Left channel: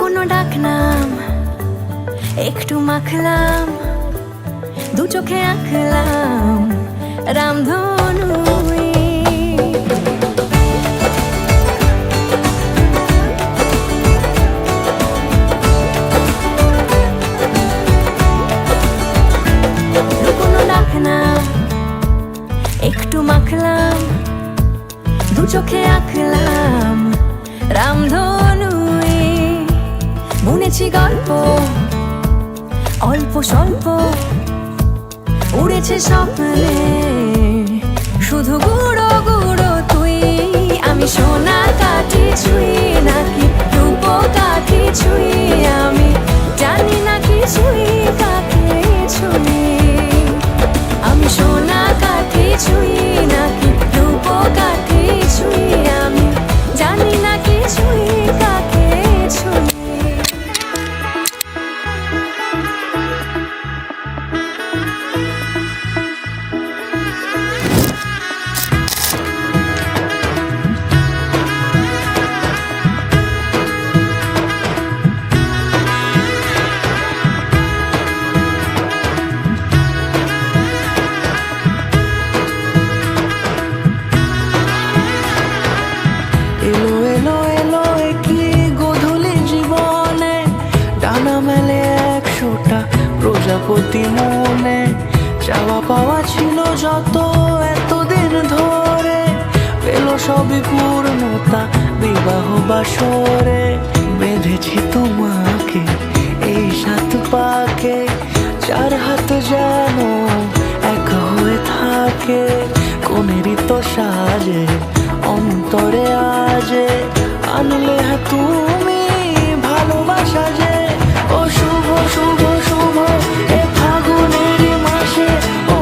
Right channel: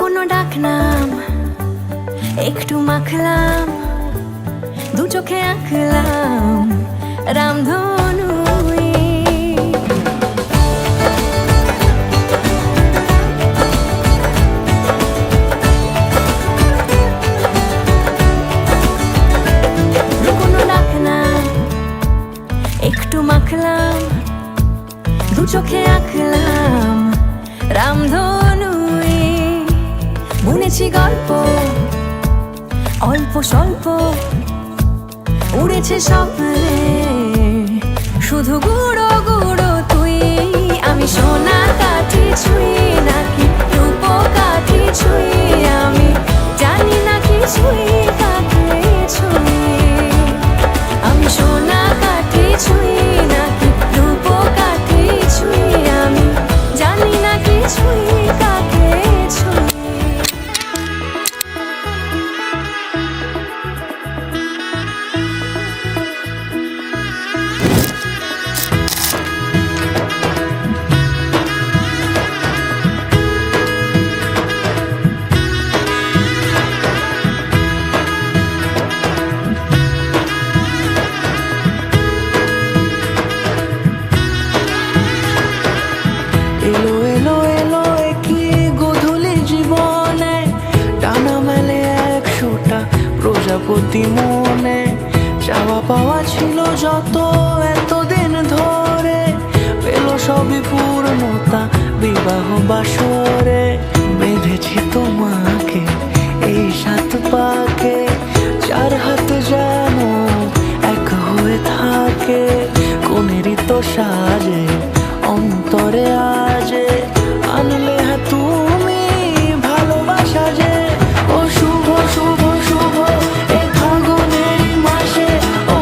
কোনো ডাক নাম একটু মাখলাম, দু চোখে আঁকলাম রামধনু। কোনো ডাক নাম একটু মাখলাম, দু চোখে আঁকলাম রামধনু। বুনেছি গল্প অল্প স্বল্প, উড়েছে স্বপ্নে শুধু গুঁড়ো গুঁড়ো তুই। আমি সোনা কাঠি ছুঁই নাকি রূপ কাঠি ছুঁই, আমি জানি না কিছুই কাকে ছুঁই। আমি সোনা কাঠি ছুঁই নাকি রূপ কাঠি ছুঁই, আমি জানি না কিছুই কাকে ছুঁই। এলো এলো এলো কি গোধূলি জীবনে, ডানা মেলে 100টা প্রজাপতি মনে। চাওয়া পাওয়া ছিল যত এতদিন ধরে, পেল সবই পূর্ণতা বিবাহ বাসরে। বেঁধেছি তোমাকে এই 7 পাকে, 4 হাত যেন এক হয়ে থাকে। কোনেরই তো সাজে অন্তরে আজে, আনলে হ্যাঁ তুমি ভালোবাসা যে। ও শুভ শুভ শুভ এ ফাগুনেরই মাসে, ও